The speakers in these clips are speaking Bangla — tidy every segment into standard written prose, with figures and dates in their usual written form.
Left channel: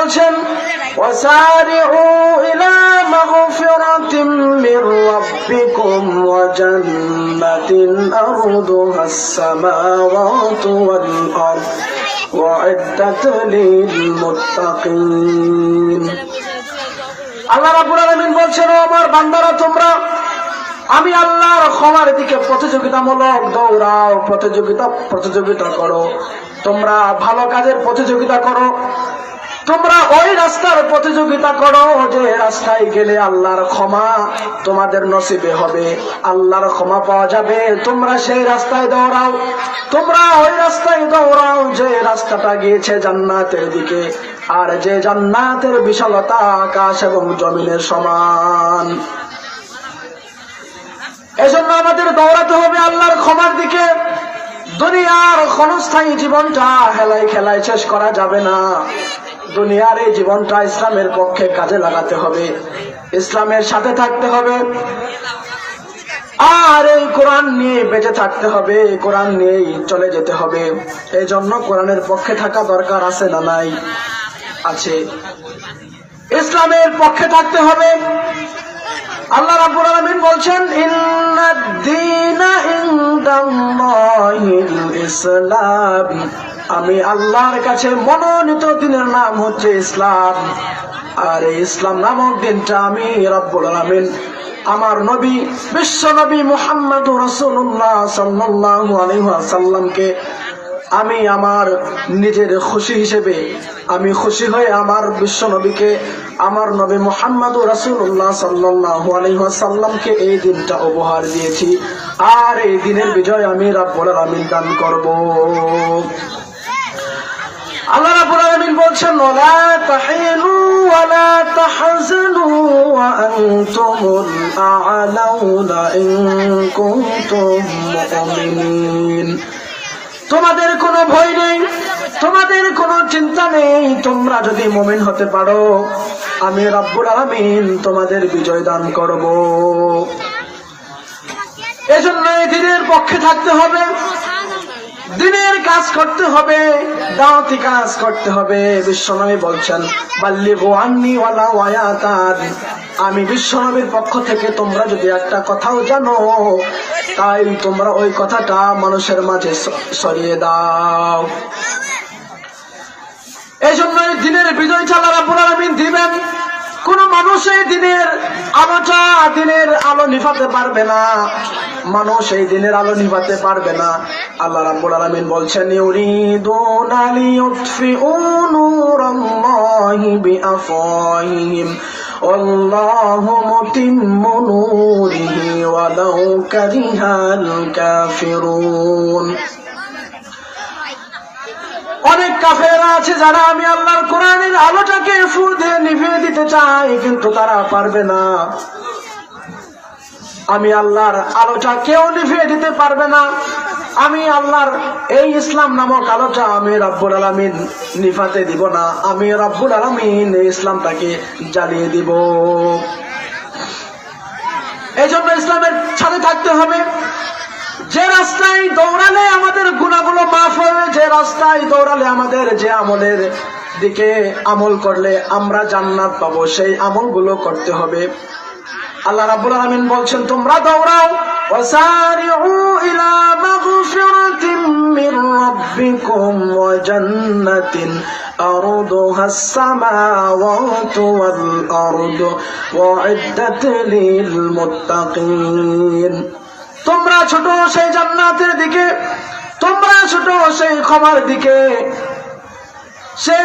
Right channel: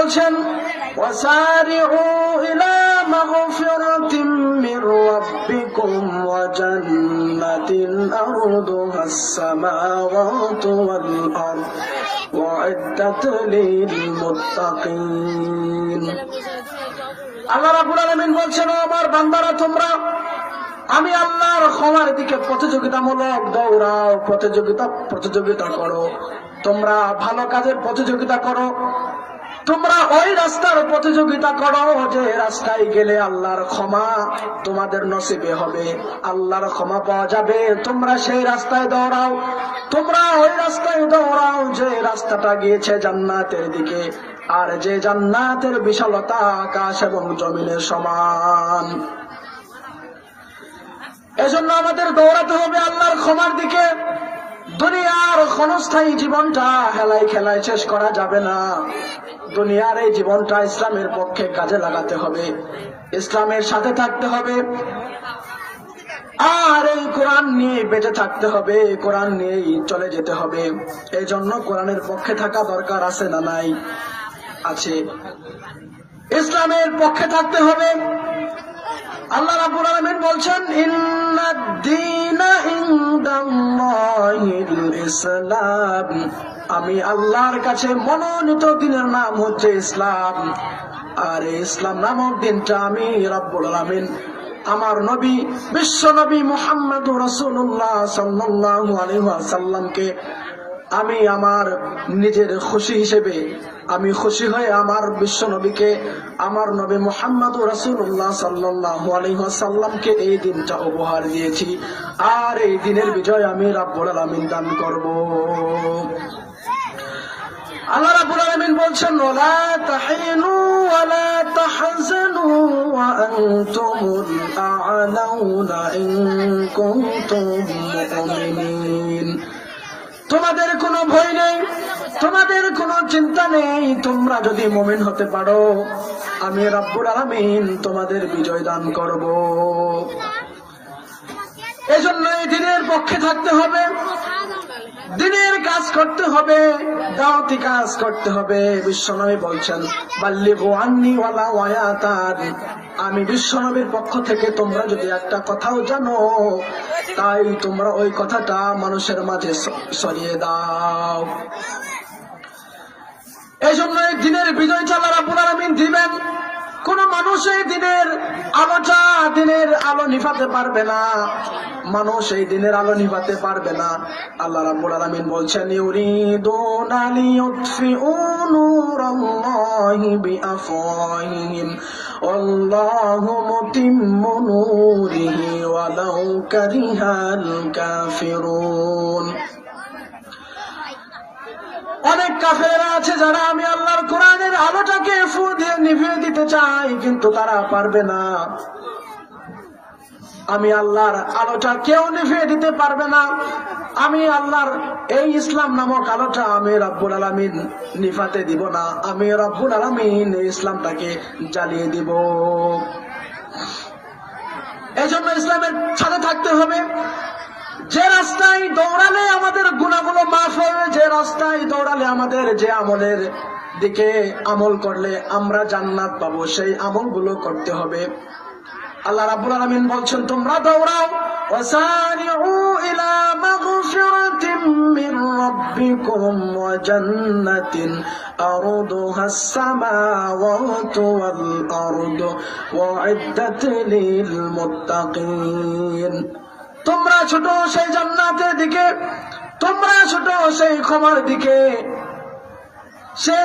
বলছেন ওয়াসারিউ ইলা মাগফিরাতিম মির রাব্বিকুম ওয়া জান্নাতিন আরদুহাস সামাওয়াতু ওয়াল আরদ ওয়া'ইদ্দাত লিল মুত্তাকিন। আল্লাহ রাব্বুল আলামিন বলছেন, ও আমার বান্দারা, তোমরা আমি আল্লাহর ক্ষমার দিকে প্রতিযোগিতামূলক দৌড়াও, প্রতিযোগিতা করো। তোমরা ভালো কাজের প্রতিযোগিতা করো, তোমরা ওই রাস্তার প্রতিযোগিতা করো যে রাস্তায় গেলে আল্লাহর ক্ষমা তোমাদের নসিবে হবে, আল্লাহর ক্ষমা পাওয়া যাবে। তোমরা সেই রাস্তায় দৌড়াও, তোমরা ওই রাস্তায় দৌড়াও যে রাস্তাটা গিয়েছে জান্নাতের দিকে, আর যে জান্নাতের বিশালতা আকাশ এবং জমিনের সমান। এজন্য আমাদের দৌড়াতে হবে আল্লাহর ক্ষমার দিকে। দুনিয়ার ক্ষণস্থায়ী জীবনটা হেলায় খেলায় শেষ করা যাবে না। দুনিয়ার এই জীবনটা ইসলামের পক্ষে কাজে লাগাতে হবে, ইসলামের সাথে থাকতে হবে, আর এই কোরআন নিয়ে বেঁচে থাকতে হবে, কোরআন নিয়েই চলে যেতে হবে। এই জন্য কোরআনের পক্ষে থাকা দরকার আছে না নাই? আছে। ইসলামের পক্ষে থাকতে হবে। আল্লাহ রাব্বুল আলামিন বলছেন, ইন্নাদ-দীনা ইনদাল্লাহিল ইসলাম। আমি আল্লাহর কাছে মনোনীত দিনের নাম হচ্ছে ইসলাম। আর এই ইসলাম নামক দিনটা আমি রাব্বুল আলামিন আমার নবী বিশ্ব নবী মুহাম্মদুর রাসূলুল্লাহ সাল্লাল্লাহু আলাইহি ওয়াসাল্লামকে আমি আমার নিজের খুশি হিসেবে আমি খুশি হয়ে আমার বিশ্ব নবীকে, আমার নবী মুহাম্মদুর রাসূলুল্লাহ সাল্লাল্লাহু আলাইহি ওয়াসাল্লামকে এই দিনটা উপহার দিয়েছি। আর এই দিনের বিজয় আমি রাব্বুল আলামিন দান করব। আল্লাহ রাব্বুল আলামিন বলছেন, ওয়ালা তাহিনু ওয়ালা তাহজানু ওয়া আনতুমুল আ'লাউনা ইন কুনতুম মুমিনিন। তোমাদের কোনো ভয় নেই, তোমাদের কোনো চিন্তা নেই, তোমরা যদি মুমিন হতে পারো আমি রাব্বুল আলামিন তোমাদের বিজয় দান করব। এজন্য এই দিনের পক্ষে থাকতে হবে, দিনের কাজ করতে হবে, দাওয়াতি কাজ করতে হবে। বিশ্বনবী বলছেন, বাল্লিগু আন্নী ওয়ালাউ আয়াতান। আমি বিশ্বনবীর পক্ষ থেকে তোমরা যদি একটা কথাও জানো, তাই তোমরা ওই কথাটা মানুষের মাঝে ছড়িয়ে দাও। এই জন্য এই দিনের বিজয়টা আল্লাহ রাব্বুল আলামিন দিবেন। কোন মানুষ এই দিনের আলো নিভাতে পারবে না, মানুষ এই দিনের আলো নিভাতে পারবে না। আল্লাহ রাব্বুল আলামিন বলছেন, ইউরিদুনা লিইউতফিউ নূরাল্লাহি বিআফওয়াহিহিম ওয়াল্লাহু মুতিম্মু নূরিহি ওয়ালাউ কারিহাল কাফিরুন। অনেক কাফেররা আছে যারা আমি আল্লাহর কোরআনের আলোটাকে ফু দিয়ে নিভিয়ে দিতে চাই, কিন্তু তারা পারবে না। আমি আল্লাহর আলোটা কেউ নিভিয়ে দিতে পারবে না। আমি আল্লাহর এই ইসলাম নামক আলোটা আমি রাব্বুল আলামিন নিভাতে দিব না। আমি রাব্বুল আলামিন এই ইসলামটাকে জ্বালিয়ে দিব। এই জন্য ইসলামের সাথে থাকতে হবে। যে রাস্তায় দৌড়ালে আমাদের গুনাহগুলো মাফ হবে, যে রাস্তায় দৌড়ালে আমাদের যে আমলের দিকে আমল করলে আমরা জান্নাত পাবো, সেই আমলগুলো করতে হবে। আল্লাহ রাব্বুল আলামিন বলছেন, তোমরা দৌড়াও, ওয়াসারিউ ইলা মাগফিরাতিম মির রাব্বিকুম ওয়া জান্নাতিন আরদুহাস সামাওয়াতু ওয়াল আরদু ওয়া'ইদ্দাত লিল মুত্তাকিন। তোমরা ছোট সেই জান্নাতের দিকে, তোমরা ছোট সেই ক্ষমার দিকে,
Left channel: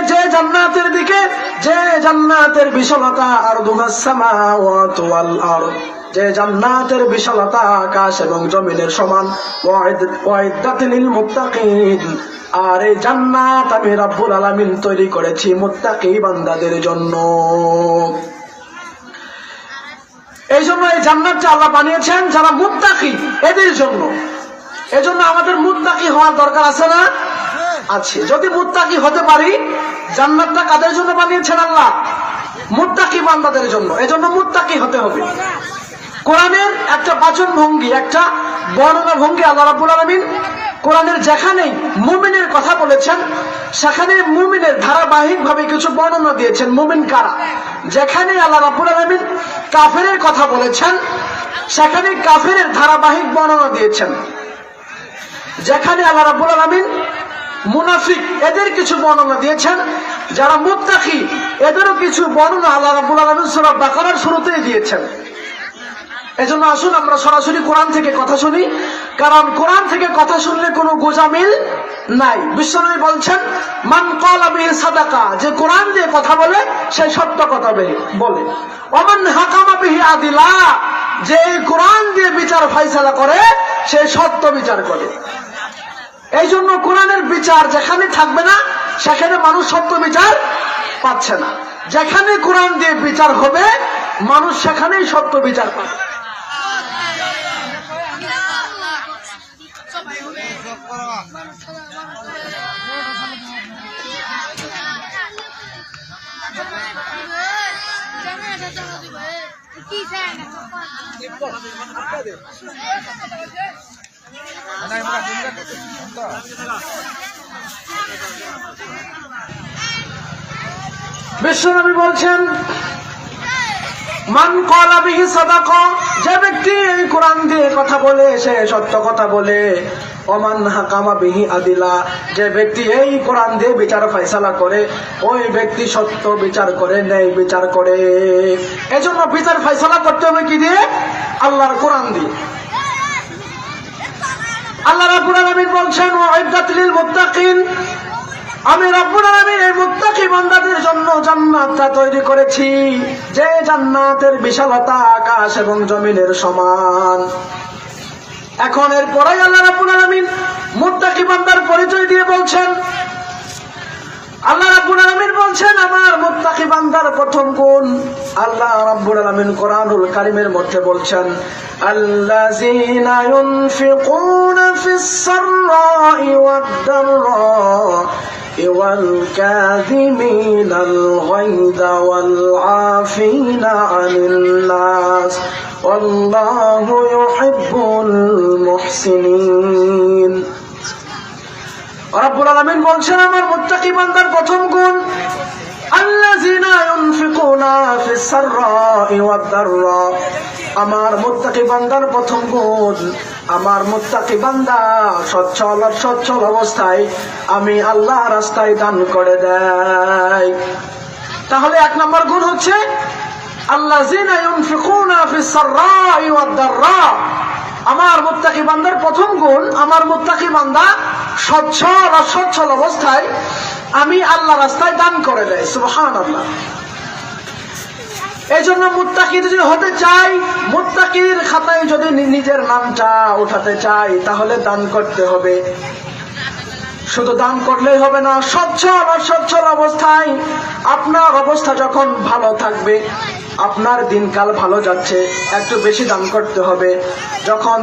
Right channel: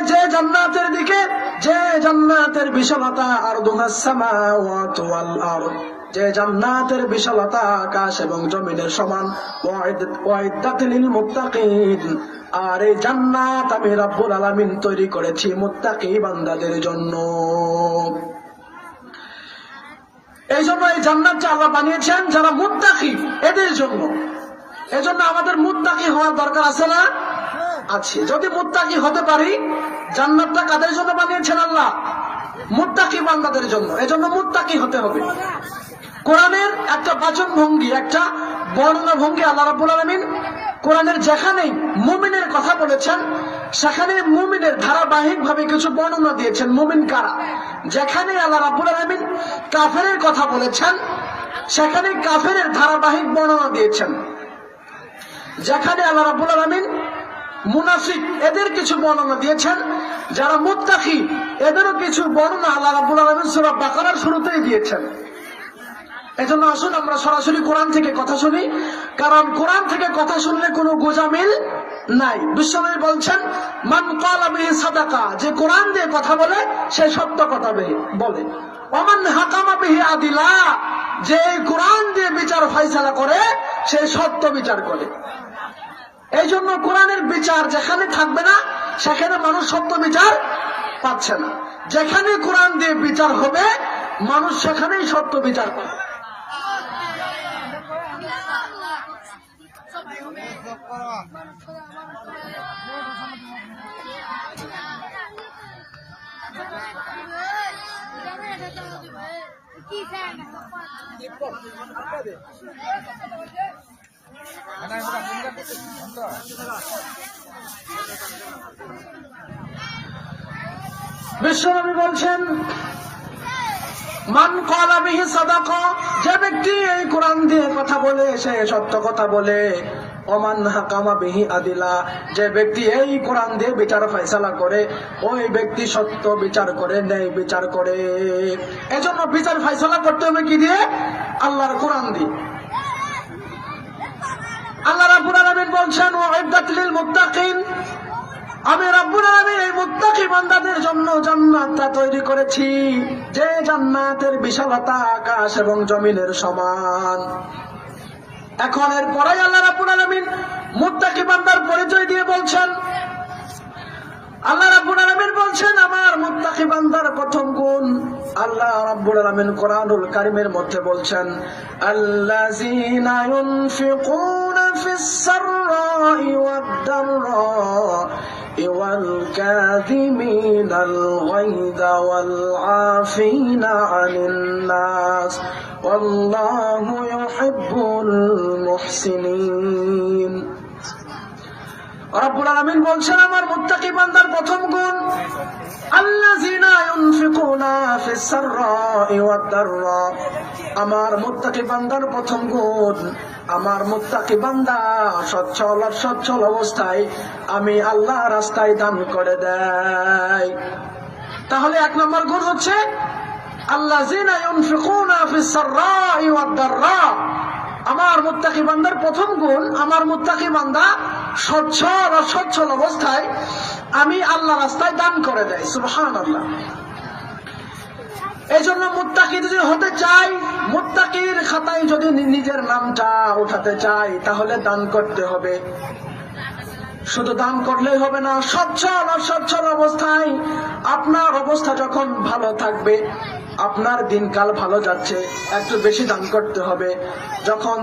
যে জান্নাতের দিকে, যে জান্নাতের বিশালতা আরদুহাস সামাওয়াতু ওয়াল আরদ, যে জান্নাতের বিশালতা আকাশ এবং জমিনের সমান, ওয়া'ইদ্দাত লিল মুত্তাকিন। আর এই জান্নাত আমি রাব্বুল আলামিন তৈরি করেছি মুত্তাকি বান্দাদের জন্য। এই জন্য এই জান্নাতটা আল্লাহ বানিয়েছেন যারা মুত্তাকি, এদের জন্য। এজন্য আমাদের মুত্তাকি হওয়ার দরকার আছে না? আছে। যদি মুত্তাকি হতে পারি, জান্নাতটা কাদের জন্য বানিয়েছেন আল্লাহ? মুত্তাকি বান্দাদের জন্য। এজন্য মুত্তাকি হতে হবে। কোরআনের একটা বাচন ভঙ্গি, একটা বর্ণনা ভঙ্গি আল্লাহ রাব্বুল আলামিন কোরআনের যেখানেই মুমিনের কথা বলেছেন সেখানে মুমিনের ধারাবাহিক ভাবে কিছু বর্ণনা দিয়েছেন। মুমিন কারা? যেখানে আল্লাহ রাব্বুল আলামিন কাফেরের কথা বলেছেন সেখানে কাফেরের ধারাবাহিক বর্ণনা দিয়েছেন। যেখানে আল্লাহ রাব্বুল আলামিন মুনাফিক এদের কিছু বর্ণনা দিয়েছেন, যারা মুত্তাকি এদেরও কিছু বর্ণনা আল্লাহ রাব্বুল আলামিন সূরা বাকারার শুরুতেই দিয়েছেন। এজন্য আসুন আমরা সরাসরি কোরআন থেকে কথা শুনি, কারণ কোরআন থেকে কথা শুনলে কোনো গোজামিল নাই। বিশ্বনবী বলছেন মান ক্বালা বিহি সাদাকা, যে কোরআন দিয়ে কথা বলে সে সত্য কথা বলে। ওমান হাকামা বিহি আদিলা, যে কোরআন দিয়ে বিচার ফায়সালা করে সে সত্য বিচার করে। এই জন্য কোরআনের বিচার যেখানে থাকবে না সেখানে মানুষ সত্য বিচার পাচ্ছে না। যেখানে কোরআন দিয়ে বিচার হবে মানুষ সেখানেই সত্য বিচার পাবে। বিশ্বনবী বলছেন মান ক্বালা বিহি সাদাকা, যে ব্যক্তি এই কোরআন দিয়ে কথা বলে সে সত্য কথা বলে। ওমান হাকামা বিহি আদিলা, যে ব্যক্তি এই কোরআন দিয়ে বিচার ফয়সালা করে ওই ব্যক্তি সত্য বিচার করে, ন্যায় বিচার করে। এজন্য বিচার ফয়সালা করতে হবে কি দিয়ে? আল্লাহর কোরআন দিয়ে। আল্লাহ রাব্বুল আলামিন বলছেন ওয়াইদাত লিল মুত্তাকিন, আমি রাব্বুল আলামিন এই মুত্তাকি বান্দাদের জন্য জান্নাতটা তৈরি করেছি, যে জান্নাতের বিশালতা আকাশ এবং জমিনের সমান। এখন এর পরে আল্লাহ রাব্বুল আলামিন মুত্তাকি বান্দার পরিচয় দিয়ে বলছেন, আল্লাহ রাব্বুল আলামিন বলছেন আমার মুত্তাকি বান্দার প্রথম গুণ। আল্লাহ রাব্বুল আলামিন কোরআনুল কারীমের মধ্যে বলছেন আল্লাযীনা ইউনফিকুনা ফিস সাররাই ওয়াদ দাররাই ওয়াল কাযিমিনাল গায়যা ওয়াল আফিনা আনিন নাস ওয়াল্লাহু ইউহিব্বুল মুহসিনিন। রব্বুল আলামিন বলছেন আমার মুত্তাকি বান্দার প্রথম গুণ আল্লাযীনা ইউনফিকুনা ফিস সাররাই ওয়াদ দাররা, আমার মুত্তাকি বান্দার প্রথম গুণ আমার মুত্তাকি বান্দা সচ্ছল অবস্থায় আমি আল্লাহ রাস্তায় দান করে দেয়। তাহলে এক নম্বর গুণ হচ্ছে আল্লাযীনা ইউনফিকুনা ফিস সাররাই ওয়াদ দাররা, আমার মুত্তাকি বান্দার প্রথম গুণ আমার মুত্তাকি বান্দা সচ্ছল অবস্থায় আমি আল্লাহ রাস্তায় দান করে দেয়। সুবহানাল্লাহ। এই জন্য মুত্তাকি যদি হতে চাই, মুত্তাকির খাতায় যদি নিজের নামটা উঠাতে চাই তাহলে দান করতে হবে। শুধু দান করলেই হবে না, সচ্ছল অবস্থায় আপনার অবস্থা যখন ভালো থাকবে, আপনার দিনকাল ভালো যাচ্ছে, একটু বেশি দান করতে হবে। যখন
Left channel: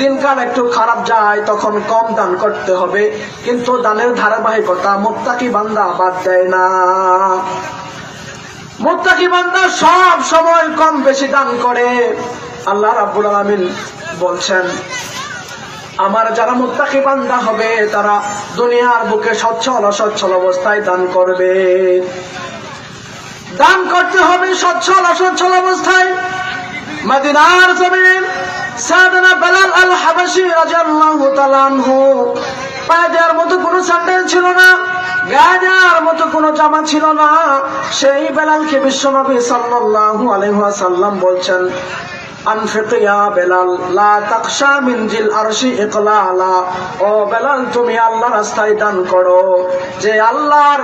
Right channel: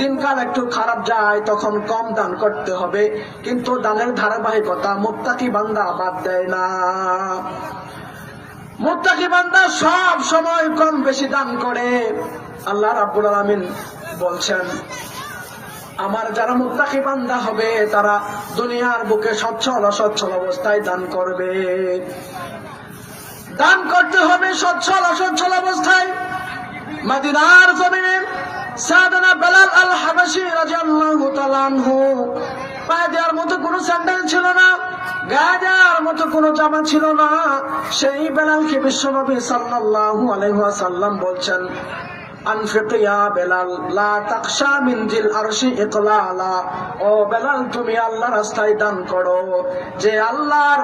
দিনকাল একটু খারাপ যায় তখন কম দান করতে হবে। কিন্তু দানের ধারাবাহিকতা মুত্তাকি বান্দা বাদ দেয় না। মুত্তাকি বান্দা সব সময় কম বেশি দান করে। আল্লাহ রাব্বুল আলামিন বলছেন আমার যারা মুত্তাকি বান্দা হবে তারা দুনিয়ার বুকে সচ্ছল অবস্থায় দান করবে। দান করতে হবে সচ্ছল অবস্থায়। মদিনার জমিনে সাইয়েদনা বেলাল আল হাবাশী রাদিয়াল্লাহু তাআলা আনহু পায়ে দেওয়ার মতো কোনো স্যান্ডেল ছিল না, গায়ে দেওয়ার মতো কোনো জামা ছিল না। সেই বেলালকে বিশ্বনবী সাল্লাল্লাহু আলাইহি ওয়াসাল্লাম বলছেন আনফিক ইয়া বেলাল লা তাখশা মিন জিল আরশি ইকলালা, ও বেলাল তুমি আল্লাহর রাস্তায় দান করো। যে আল্লাহর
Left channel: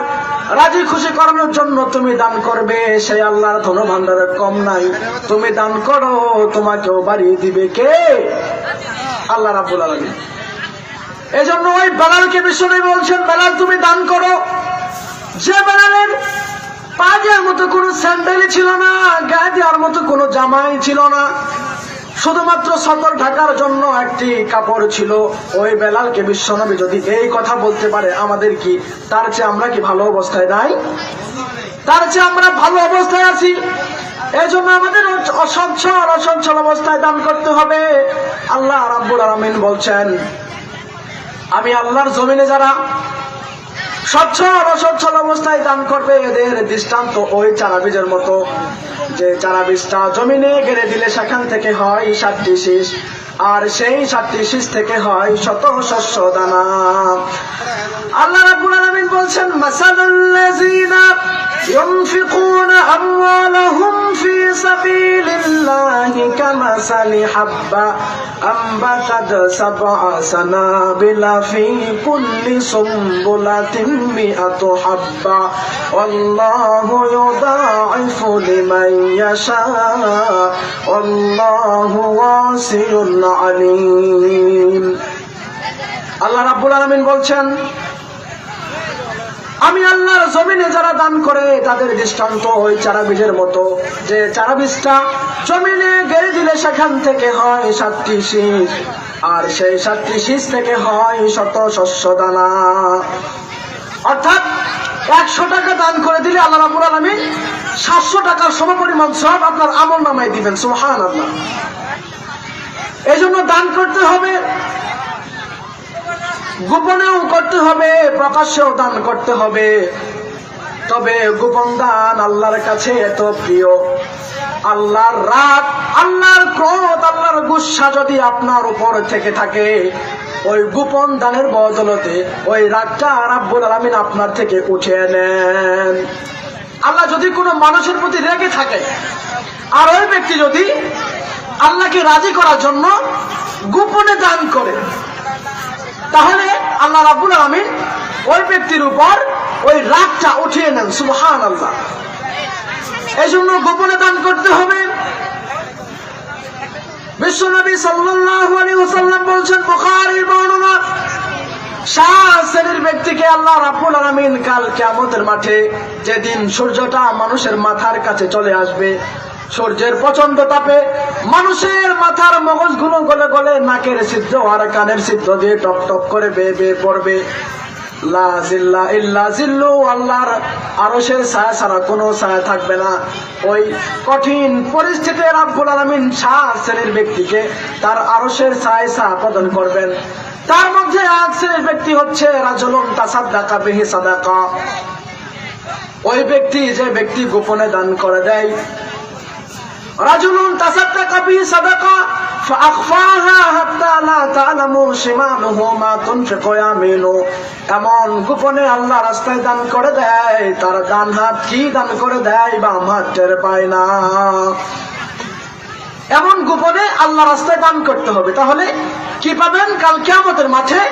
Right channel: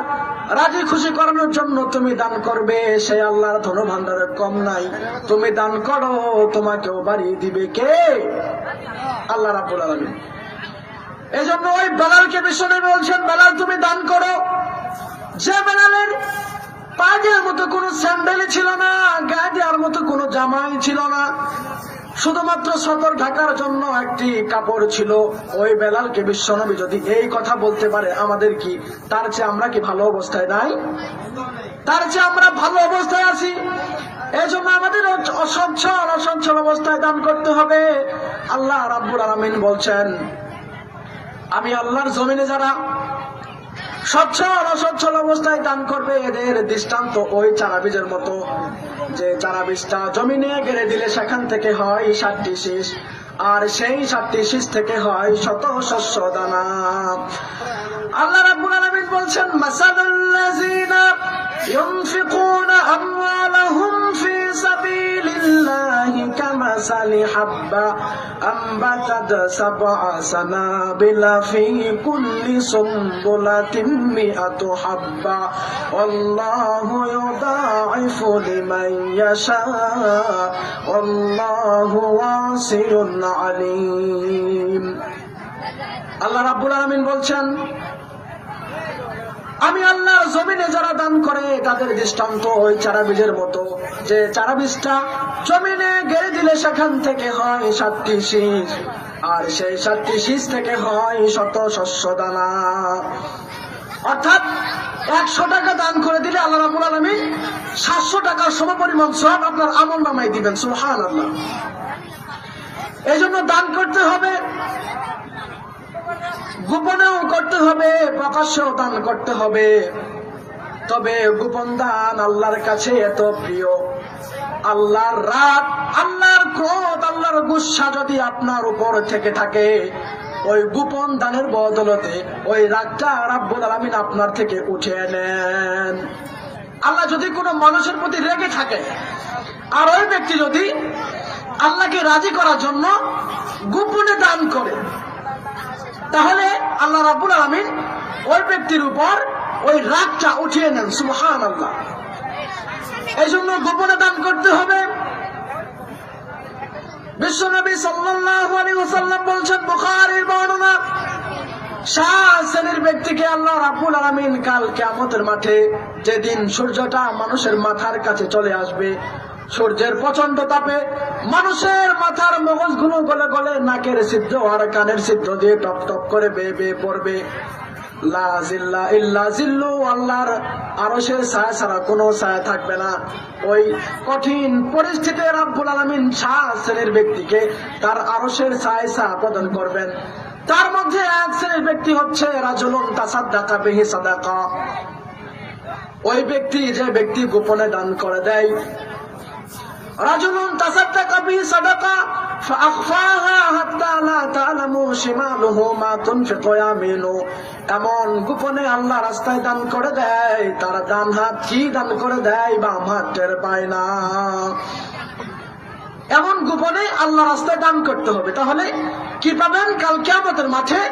রাজি খুশি করানোর জন্য তুমি দান করবে সেই আল্লাহর ধন ভান্ডারের কম নাই। তুমি দান করো, তোমাকেও বাড়িয়ে দিবে কে? আল্লাহ রাব্বুল আলামিন। এজন্য ওই বেলালকে বিশ্বনবী বলছেন বেলাল তুমি দান করো। যে বেলালের পা দেওয়ার মতো কোনো স্যান্ডেলই ছিল না, গায়ে দেওয়ার মতো কোনো জামাই ছিল না, শুধুমাত্র সদর ঢাকার জন্য একটি কাপড় ছিল, ওই বেলালকে বিশ্বনবী যদি এই কথা বলতে পারে আমাদের কি তার চেয়ে আমরা কি ভালো অবস্থায় নাই? তার চেয়ে আমরা ভালো অবস্থায় আছি। এই জন্য আমাদের অসচ্ছল অবস্থায় দান করতে হবে। আল্লাহ রাব্বুল আলামিন বলছেন আমি আল্লাহর জমিনে যারা সচ্ছল অসচ্ছল অবস্থায় দান করবে এদের দৃষ্টান্ত ওই চারা বীজের মতো, যে চারা বীজটা জমিনে গেড়ে দিলে সেখান থেকে হয় 7টি শীষ, আর সেই 7টি শীষ থেকে হয় শত শস্য দানা। আল্লাহ রাব্বুল আলামিন বলছেন, মাসালুল্লাযীনা ইউনফিকুনা আমওয়ালাহুম ফি সাবিলিল্লাহি কামাসালি হাব্বা আম্বাতাত সাবআ সানাবিলা ফি কুল্লি সুমবুলাতিন মিআতু হাব্বা ওয়াল্লাহু ইউদাঈফু লিমান ইয়াশা ওয়াল্লাহু ওয়াসিউন আলীম। আল্লাহ রাব্বুল আলামিন বলছেন, আমি আল্লাহর জমিনে যারা দান করে তাদের দৃষ্টান্ত ওই চারা বীজের মতো, যে চারা বীজটা জমিনে গেড়ে দিলে সেখান থেকে হয় 7টি শীষ, আর সেই 7টি শীষ থেকে হয় শত শস্য দানা। অর্থাৎ 100 টাকা দান করে দিলে আল্লাহ রাব্বুল আলামিন 700 টাকার সমপরিমাণ সওয়াব আপনার আমলনামায় দিবেন। সুবহানাল্লাহ। এজন্য দান করতে হবে, গোপনেও করতে হবে, প্রকাশ্যেও দান করতে হবে। তবে গোপন দান আল্লাহর কাছে এত প্রিয়, আল্লাহর রাগ, আল্লাহর ক্রোধ, আল্লাহর গুসা যদি আপনার উপর থেকে থাকে, ওই গোপন দানের বদলতে ওই রাগটা রাব্বুল আলামিন আপনার থেকে উঠিয়ে নেন। আল্লাহ যদি কোনো মানুষের প্রতি রেগে থাকে, আর ওই ব্যক্তি যদি আল্লাহকে রাজি করার জন্য গোপনে দান করে, তাহলে আল্লাহ রাব্বুল আলামিন ওই ব্যক্তির উপর ওই রাগটা উঠিয়ে নেন। সুবহানাল্লাহ। এই জন্য গোপনে দান করতে হবে। বিশ্বনবী সাল্লাল্লাহু আলাইহি ওয়াসাল্লাম বলছেন, বুখারীর বর্ণনা, 7 শ্রেণীর ব্যক্তিকে আল্লাহ রাব্বুল আলামিন কাল কিয়ামতের মাঠে, যেদিন সূর্যটা মানুষের মাথার কাছে চলে আসবে, সূর্যের প্রচন্ড তাপে মানুষের মাথার মগজগুলো গলে গলে নাকের ছিদ্র আর কানের ছিদ্র দিয়ে টপ টপ করে বেয়ে বেয়ে পড়বে। লা জিল্লা ইল্লা জিল্লু, আল্লাহর আরশের ছায়া ছাড়া কোনো ছায়া থাকবে না। ওই কঠিন পরিস্থিতিতে রাব্বুল আলামিন 7 শ্রেণীর ব্যক্তিকে তার আরশের ছায়া প্রদান করবেন। তার মধ্যে 1 শ্রেণীর ব্যক্তি হচ্ছে রাজুলুন তাসাদ্দাকা বিহি সাদাকা, ওই ব্যক্তি যে ব্যক্তি গোপনে দান করে দেয়। রাজুলুন তাসাদ্দাকা বিহি সাদাকা ফাআখফাহা হাত্তা লা তা'লামু শিমালুহু মা তুনফিকু ইয়ামিনু, এমন গোপনে আল্লাহ রাস্তায় দান করে দেয়, তার ডান হাত কি দান করে দেয় বাম হাত টের পায় না। এমন গোপনে আল্লাহ রাস্তায় দান করতে হবে। তাহলে কি পাবেন কাল কিয়ামতের মাঠে,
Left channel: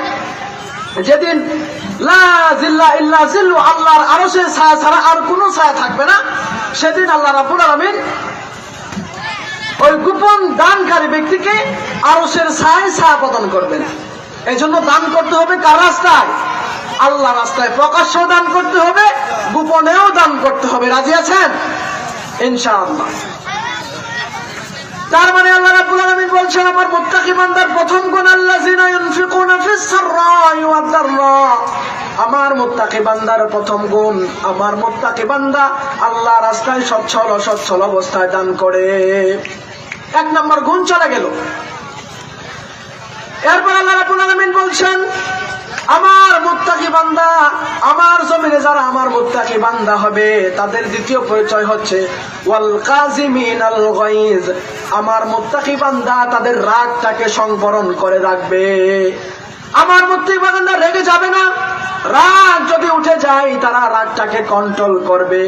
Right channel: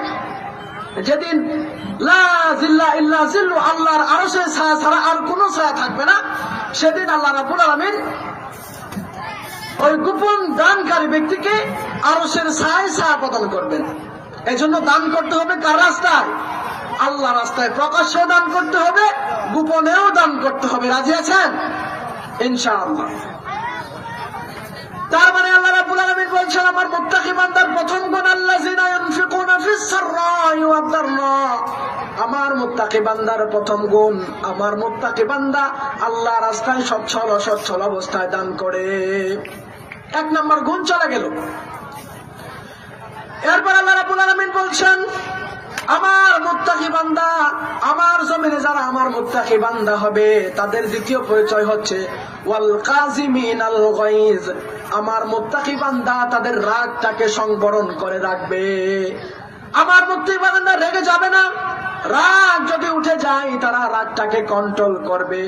যেদিন লা জিল্লা ইল্লা জিল্লু, আল্লাহর আরশের ছায়া ছাড়া আর কোনো ছায়া থাকবে না, সেদিন আল্লাহ রাব্বুল আলামিন ওই গোপন দানকারী ব্যক্তিকে আরশের ছায়া প্রদান করবেন। এই জন্য দান করতে হবে কার রাস্তায়? আল্লাহ রাস্তায়। প্রকাশ্যেও দান করতে হবে, গোপনেও দান করতে হবে। রাজি আছেন ইনশাআল্লাহ? তার মানে আল্লাহ রাব্বুল আলামিন বলছেন, আমার মুত্তাকি বান্দার প্রথম গুণ আল্লাযিনা ইউনফিকুনা ফিস সাররাই ওয়াদ দাররা, আমার মুত্তাকি বান্দার প্রথম গুণ, আমার মুত্তাকি বান্দা আল্লাহ রাস্তায় সচ্ছল অসচ্ছল অবস্থায় দান করে। 1 নম্বর গুণ চলে গেল। এরপর আল্লাহ রাব্বুল আলামিন বলছেন, আমার মুত্তাকি বান্দা, আমার জমিনে যারা আমার মুত্তাকি বান্দা হবে, তাদের দ্বিতীয় পরিচয় হচ্ছে ওয়াল কাযিমিনাল গায়জ, আমার মুত্তাকি বান্দা তাদের রাগটাকে সংবরণ করে রাখবে। আমার মুত্তাকি বান্দা রেগে যাবে না, রাগ যদি উঠে যায় তারা রাগটাকে কন্ট্রোল করবে।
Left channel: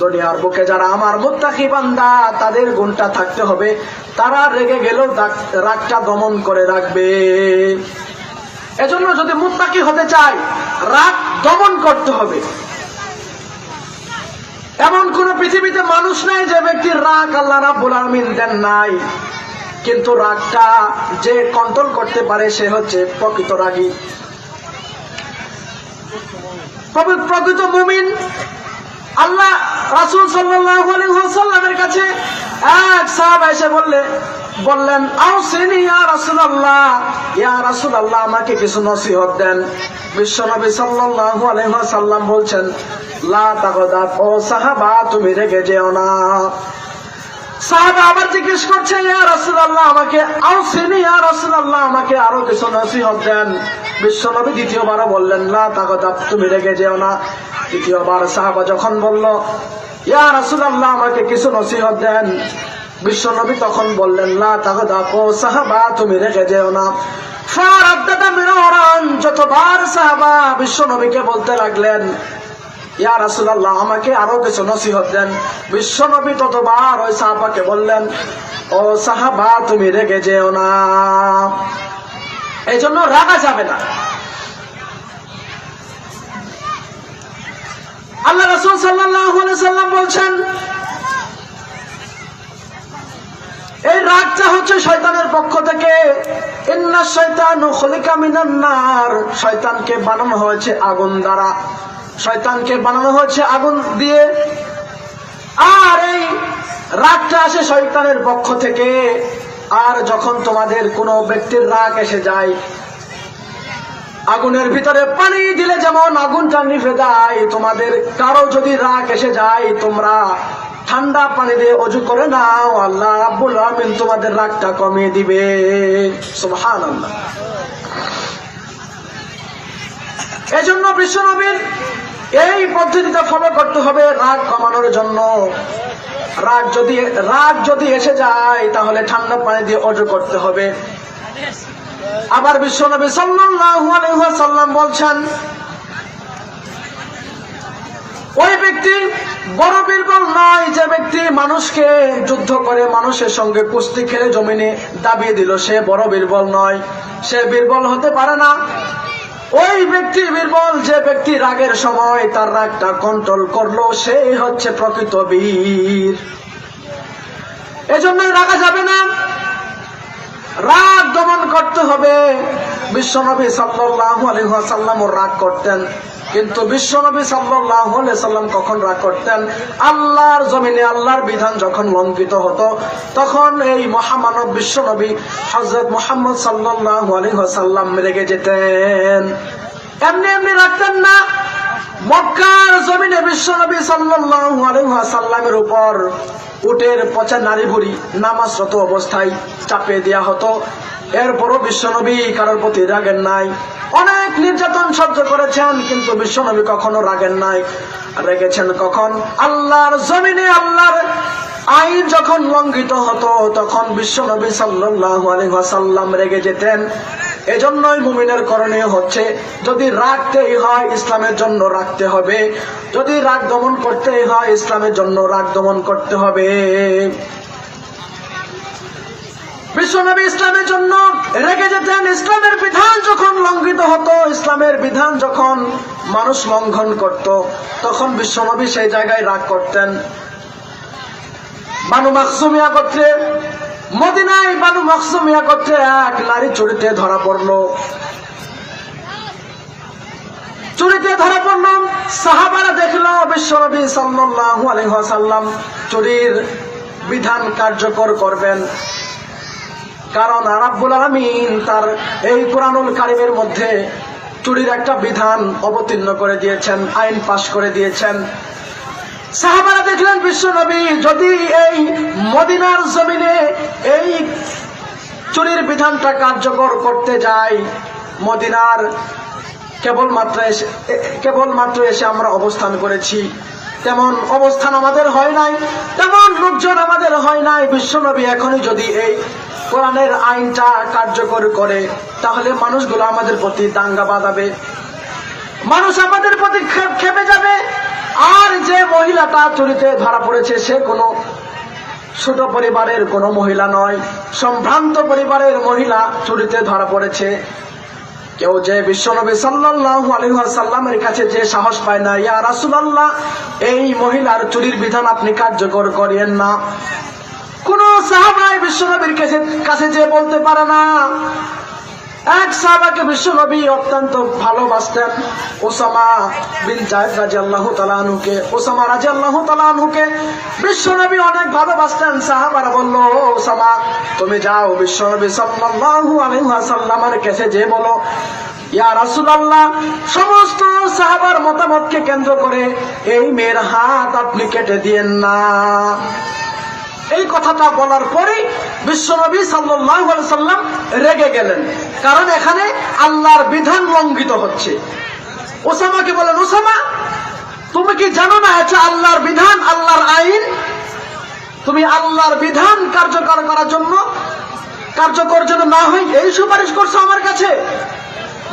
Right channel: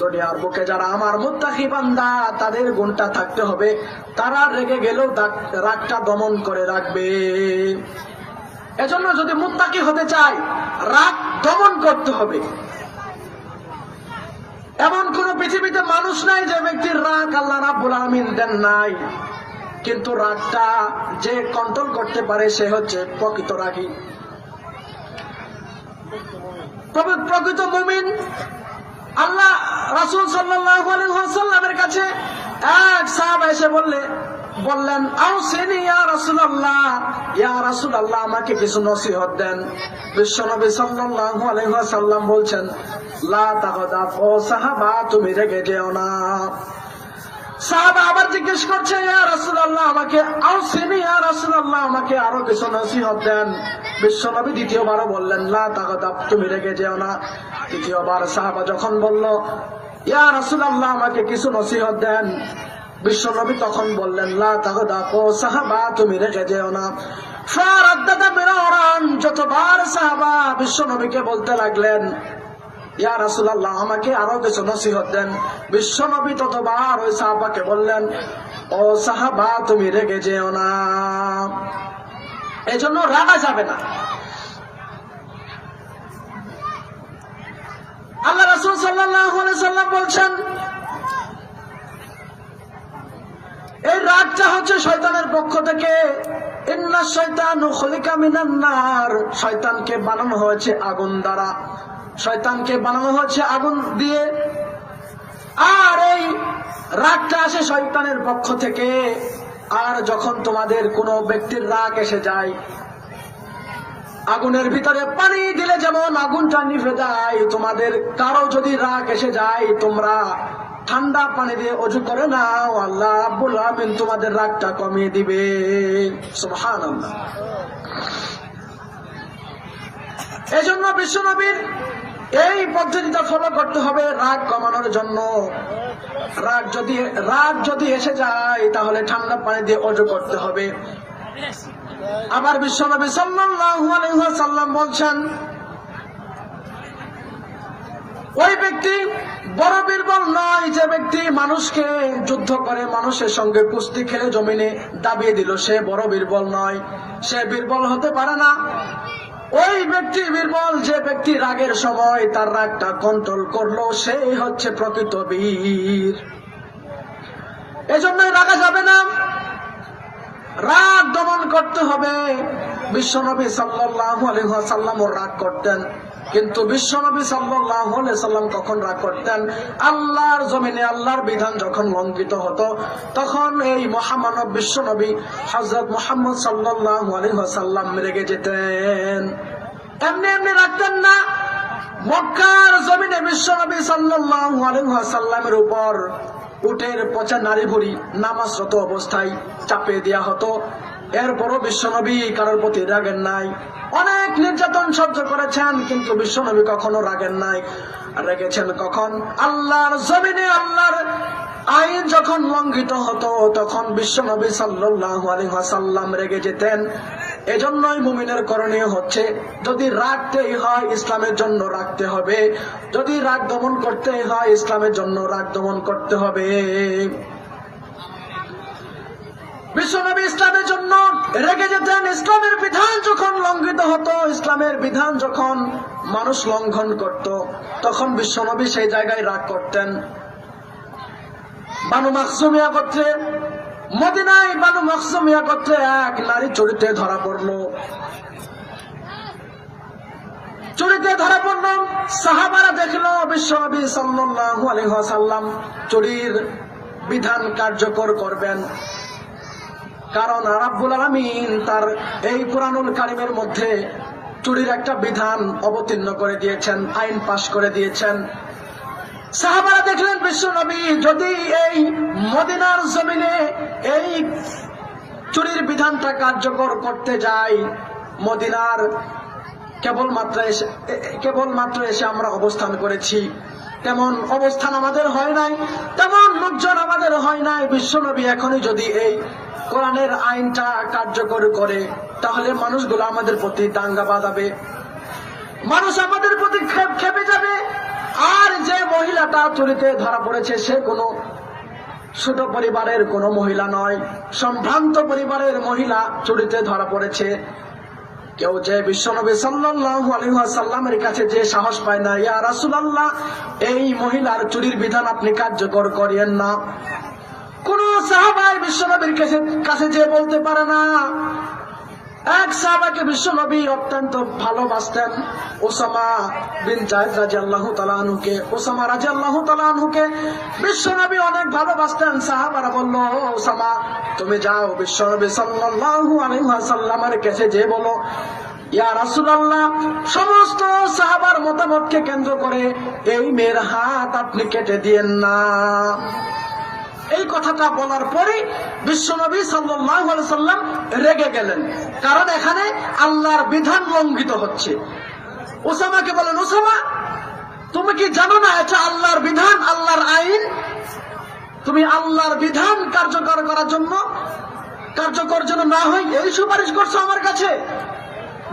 দুনিয়ার বুকে যারা আমার মুত্তাকি বান্দা, তাদের গুণটা থাকতে হবে, তারা রেগে গেলেও রাগটা দমন করে রাখবে। এজন্য যদি মুত্তাকি হতে চায়, রাগ দমন করতে হবে। এমন কোন পৃথিবীতে মানুষ নাই যে ব্যক্তির রাগ আল্লাহ রাব্বুল আলামিন দেন নাই, কিন্তু রাগটা যে কন্ট্রোল করতে পারে সে হচ্ছে প্রকৃত রাগী, প্রকৃত মুমিন। আল্লাহ রাসূল সাল্লাল্লাহু আলাইহি ওয়াসাল্লামের কাছে এক সাহাবা এসে বললেন, আউসিনি ইয়া রাসূলুল্লাহ, ইয়া রাসূলুল্লাহ আমাকে কিছু নসিহত দেন। বিশ্বনবী সাল্লাল্লাহু আলাইহি ওয়াসাল্লাম বলছেন, লা তাগদাব, ও সাহাবা তুমি রেগে যেও না। সাহাবা আবার জিজ্ঞেস করছে, ইয়া রাসূলুল্লাহ আমাকে আউসিনি, ইয়া রাসূলুল্লাহ আমাকে আরো কিছু নসিহত দেন। বিশ্বনবী দ্বিতীয়বারও বললেন, লা তাগদাব, তুমি রেগে যেও না। তৃতীয়বার সাহাবা যখন বলল, ইয়া রাসূলুল্লাহ আমাকে কিছু নসিহত দেন, বিশ্বনবী তখন বললেন, লা তাগদাব, ও সাহাবা তুমি রেগে যেও না। ফারাদ্দাদা মিরারান, যতবার সাহাবা বিশ্বনবীকে বলতে লাগলেন, ইয়া রাসূলুল্লাহ আমাকে আরো কিছু নসিহত দেন, বিশ্বনবী ততবার ওই সাহাবাকে বললেন, ও সাহাবা তুমি রেগে যেও না। এই জন্য রাগা যাবে না। আল্লাহ রাসূল সাল্লাল্লাহু আলাইহি সাল্লাম বলছেন, এই রাগটা হচ্ছে শয়তানের পক্ষ থেকে। ইন্নাশ শাইতানু খুলিকা মিনান নার, শয়তানকে বানানো হয়েছে আগুন দ্বারা, শয়তানকে বানানো হয়েছে আগুন দিয়ে। আর এই রাগটা আসে শয়তানের পক্ষ থেকে। আর যখন তোমাদের কোনো ব্যক্তির রাগ এসে যায়, আগুনের ভিতরে পানি দিলে যেমন আগুনটা নিভে যায়, তোমাদের কারো যদি রাগ এসে যায়, তোমরা ঠান্ডা পানি দিয়ে ওযু করে নাও, আল্লাহ রাব্বুল আলামিন তোমাদের রাগটা কমিয়ে দিবে। সুবহানাল্লাহ। এজন্য বিশ্বনবীর এই পদ্ধতিটা ফলো করতে হবে রাগ কমানোর জন্য। রাগ যদি এসে যায় তাহলে ঠান্ডা পানি দিয়ে ওযু করতে হবে। আবার বিশ্বনবী সাল্লাল্লাহু আলাইহি ওয়াসাল্লাম বলছেন, ওই ব্যক্তি বড় বীরবল নয় যে ব্যক্তি মানুষকে যুদ্ধ করে মানুষের সঙ্গে কুস্তি খেলে জমিনে দাবিয়ে দিল, সে বড় বীরবল নয়, সে বীরবল হতে পারে না। ওই ব্যক্তি বীরবল যে ব্যক্তি রাগের সময় তার রাগটা কন্ট্রোল করলো, সেই হচ্ছে প্রকৃত বীর। এজন্যই রাগা যাবে না, রাগ দমন করতে হবে। বিশ্বনবী সাল্লাল্লাহু আলাইহি ওয়াসাল্লাম রাগ করতেন, কিন্তু বিশ্বনবী সাল্লাল্লাহু আলাইহি ওয়াসাল্লাম কখন রাগ করতেন? আল্লাহর জমিনে আল্লাহর বিধান যখন লঙ্ঘিত হতো, তখন এই মহামানব বিশ্বনবী হযরত মুহাম্মদ সাল্লাল্লাহু আলাইহি ওয়াসাল্লাম রেগে যেতেন। এমনি এমনি রাখতেন না। মক্কার জমিনে বিশ্বনবী সাল্লাল্লাহু আলাইহি ওয়াসাল্লামের উপর উটের পচা নারী ভুঁড়ি নামাজরত অবস্থায় চাপিয়ে দেওয়া হতো। এরপরও বিশ্বনবী কারোর প্রতি রাগেন নাই। অনেক নির্যাতন সহ্য করেছেন, কিন্তু বিশ্বনবী কখনো রাগেন নাই। রেগেছেন কখন? আল্লাহর জমিনে আল্লাহর আইন যখন লঙ্ঘিত হতো, তখন বিশ্বনবী সাল্লাল্লাহু আলাইহি ওয়াসাল্লাম রেগে যেতেন। এজন্যই মুমিনের করণীয় হচ্ছে, যদি রাগতেই হয় ইসলামের জন্য রাখতে হবে, যদি রাগ দমন করতেই হয় ইসলামের জন্য রাগ দমন করতে হবে। বিশ্বনবী ইসলামের জন্য রেগে যেতেন। ইসলামের বিধান যখন লঙ্ঘিত হতো, ইসলামের বিধান যখন মানুষ লঙ্ঘন করত, তখন বিশ্বনবী সেই জায়গায় রাগ করতেন। বানু মাখজুমিয়া গোত্রে, মদিনায় বানু মাখজুমিয়া গোত্রে এক নারী চুরিতে ধরা পড়লো। সাহাবারা দেখলো বিশ্বনবী সাল্লাল্লাহু আলাইহি ওয়াসাল্লাম চুরির বিধান কার্যকর করবেন, কারণ রাব্বুল আলামিন তার এই কুরআনুল কারীমের মধ্যে চুরির একটা বিধান অবতীর্ণ করে দিয়েছেন, আইন পাশ করে দিয়েছেন। সাহাবারা দেখলেন বিশ্বনবী যদি এই মদিনার জমিনে এই চুরির বিধানটা কার্যকর করতে যায়, মদিনার কেবলমাত্র এসে আমরা অবস্থান করেছি, তেমন অবস্থান আমাদের হয় নাই, তেমন লোকজন আমাদের হয় নাই। বিশ্বনবী এখনই যদি এই কোরআনের আইনটা কার্যকর করে, তাহলে মানুষগুলো আমাদের প্রতি দাঙ্গা বাঁধাবে, মানুষ আমাদের প্রতি খেপে যাবে। আর যে মহিলাটা চুরিতে ধরা পড়েছে, সে কোনো ছোট পরিবারের কোনো মহিলা নয়, সম্ভ্রান্ত পরিবারের মহিলা চুরিতে ধরা পড়েছে। কেউ যে বিশ্বনবী সাল্লাল্লাহু আলাইহি ওয়াসাল্লামের কাছে যে সাহস পায় না, ইয়া রাসূলুল্লাহ এই মহিলার চুরির বিধান আপনি কার্যকর করিয়েন না, কোন সাহাবাই বিশ্বনবীর কাছে যে বলতে পারে না। এক সাহাবাকে বিশ্বনবী অত্যন্ত ভালোবাসতেন, ওসামা বিন যায়েদ রাদিয়াল্লাহু তাআলা আনহুকে। ওসামা রাদিয়াল্লাহু তাআলা আনহুকে বিশ্বনবী অনেক ভালোবাসতেন। সাহাবারা বলল, ওসামা তুমি যাও বিশ্বনবী সাল্লাল্লাহু আলাইহি ওয়াসাল্লামের কাছে যে বলো, ইয়া রাসূলুল্লাহ সমস্ত সাহাবার মতামতকে কেন্দ্র করে এই মেয়ের হাত আপনি কেটে দিয়েন না। এই কথাটা বলার পরে বিশ্বনবী সাল্লাল্লাহু আলাইহি সাল্লাম রেগে গেলেন, কারণ এখানে আল্লাহর বিধান লঙ্ঘিত হচ্ছে। ওসামাকে বলেন, ওসামা তুমি কি জানো না এটা আল্লাহর বিধান, আল্লাহর আইন? তুমি আল্লাহর বিধান কার্যকর করার জন্য, কার্যকর যেন না হয় এই সুপারিশ করছো আমার কাছে।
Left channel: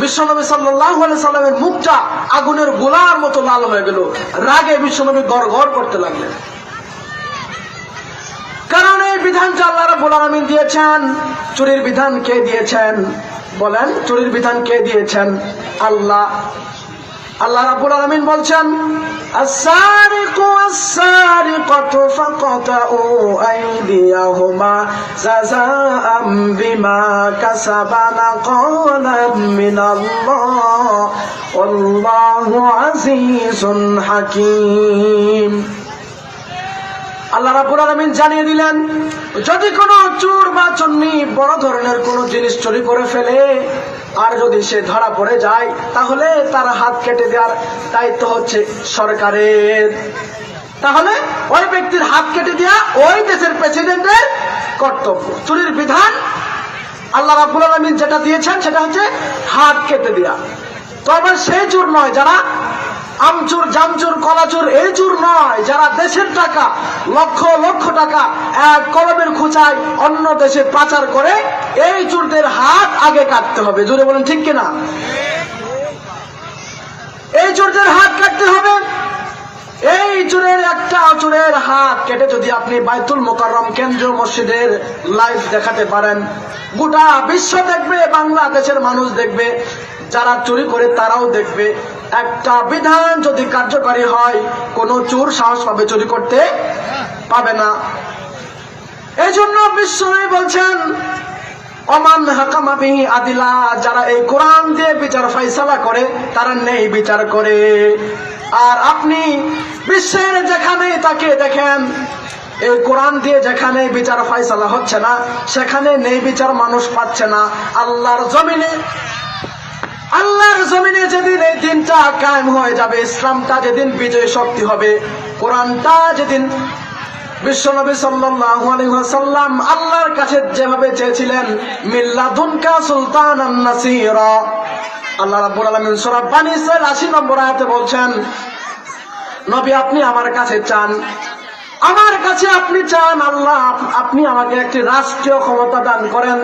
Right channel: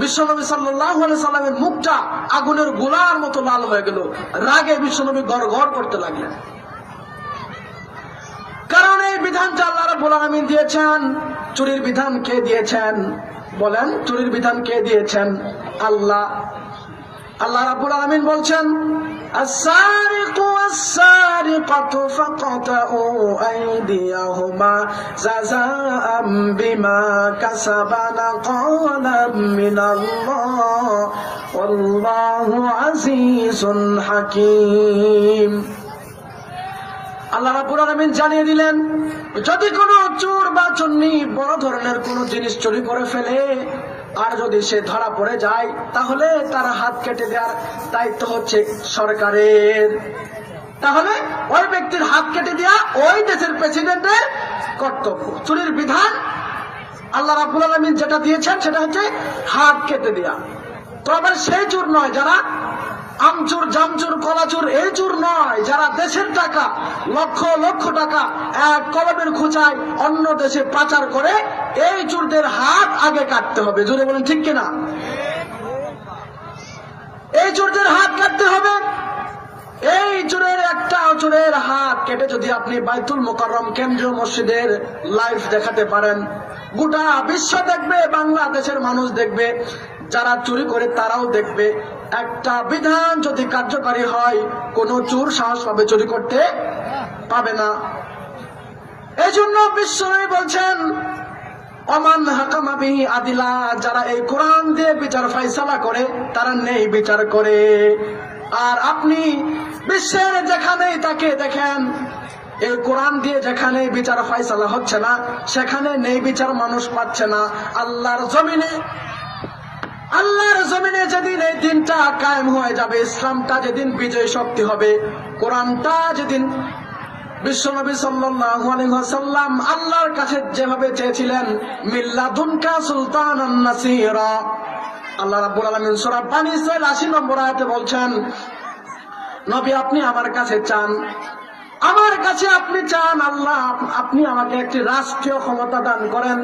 বিশ্বনবী সাল্লাল্লাহু আলাইহি সাল্লামের মুখটা আগুনের গোলার মতো লাল হয়ে গেল, রাগে বিশ্বনবী গড়গড় করতে লাগলেন। কারণ এই বিধানটা আল্লাহ রাব্বুল আলামিন দিয়েছেন। চুরির বিধান কে দিয়েছেন বলেন? চুরির বিধান কে দিয়েছেন? আল্লাহ। আল্লাহ রাব্বুল আলামিন বলছেন, আস-সারিকু ওয়াস-সারিকাতু ফাকাতউ আইদিয়াহুমা জাযাআম বিমা কাসাবা নাকালাম মিনাল্লাহ ওয়াল্লাহু আজিজুন হাকীম। আল্লাহ রাব্বুল আলামিন জানিয়ে দিলেন, যদি কোনো চোর বা চুন্নি বড় ধরনের কোনো জিনিস চুরি করে ফেলে আর যদি সে ধরা পড়ে যায়, তাহলে তার হাত কেটে দেওয়ার দায়িত্ব হচ্ছে সরকারের। তাহলে ওই ব্যক্তির হাত কেটে দেওয়া ওই দেশের প্রেসিডেন্টের কর্তব্য। চুরির বিধান আল্লাহ রাব্বুল আলামিন যেটা দিয়েছেন সেটা হচ্ছে হাত কেটে দেওয়া। তবে সেই চোর নয় যারা আমচোর, জামচোর, কলাচোর, এই চোর নয় যারা দেশের টাকা, লক্ষ লক্ষ টাকা এক কলমের খোঁচায় অন্য দেশে পাচার করে, এই চোরদের হাত আগে কাটতে হবে। জোরে বলেন ঠিক কিনা? এই চোরদের হাত কাটতে হবে। এই চোরের একটা চোরের হাত কেটে যদি আপনি বাইতুল মোকাররম কেন্দ্রীয় মসজিদের লাইভ দেখাতে পারেন, গোটা বিশ্ব দেখবে, বাংলাদেশের মানুষ দেখবে, যারা চুরি করে তারাও দেখবে। একটা বিধান যদি কার্যকরী হয়, কোন চোর সাহস পাবে চুরি করতে পাবে না। এই জন্য বিশ্বনবী বলছেন, অমান হাকামা বিহি আদিলা, যারা এই কোরআন দিয়ে বিচার ফয়সালা করে তারা নেই বিচার করে। আর আপনি বিশ্বের যেখানে তাকে দেখেন, এই কোরআন দিয়ে যেখানে বিচার ফয়সালা হচ্ছে না, সেখানে নেই বিচার মানুষ পাচ্ছে না। আল্লাহর জমিনে যেদিন এই দিনটা কায়েম হয়ে যাবে, ইসলামটা যেদিন বিজয় শক্তি হবে, কোরআনটা যেদিন বিশ্বনবী সাল্লাল্লাহু আলাইহি ওয়াসাল্লাম আল্লাহর কাছে যেভাবে চেয়েছিলেন, মিল্লাদুনকা সুলতানান নাসীরা, আল্লাহ রাব্বুল আলামিন সূরা বানী ইসরাঈল ৮০ নম্বর আয়াতে বলছেন, নবী আপনি আমার কাছে চান, আমার কাছে আপনি চান, আল্লাহ আপনি আমাকে একটি রাষ্ট্রীয় ক্ষমতা দান করেন,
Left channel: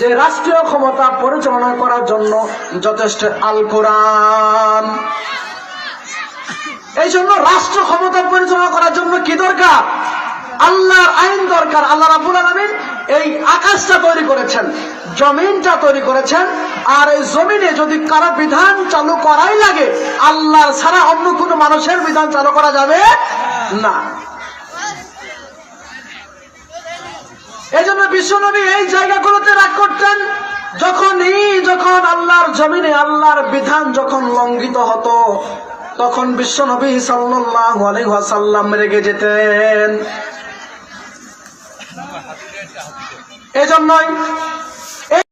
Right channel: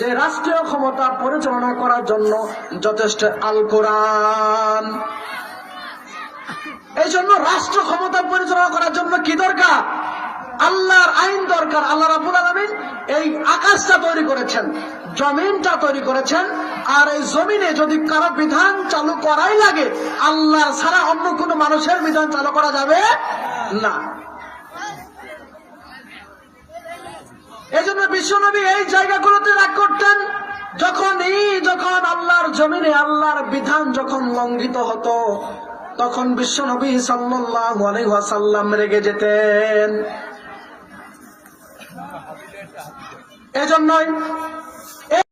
যে রাষ্ট্রীয় ক্ষমতা পরিচালনা করার জন্য যথেষ্ট আল কোরআন। এই জন্য রাষ্ট্র ক্ষমতা পরিচালনা করার জন্য কি দরকার? আল্লাহর আইন দরকার। আল্লাহ রাব্বুল আলামিন এই আকাশটা তৈরি করেছেন, জমিনটা তৈরি করেছেন, আর এই জমিনে যদি কারো বিধান চালু করাই লাগে, আল্লাহর ছাড়া অন্য কোনো মানুষের বিধান চালু করা যাবে না। এই জন্য বিশ্বনবী এই জায়গাগুলোতে রাগ করতেন, যখন আল্লাহর জমিনে আল্লাহর বিধান যখন লঙ্ঘিত হতো, তখন বিশ্বনবী সাল্লাল্লাহু আলাইহি ওয়াসাল্লাম রেগে যেতেন। এজন্যই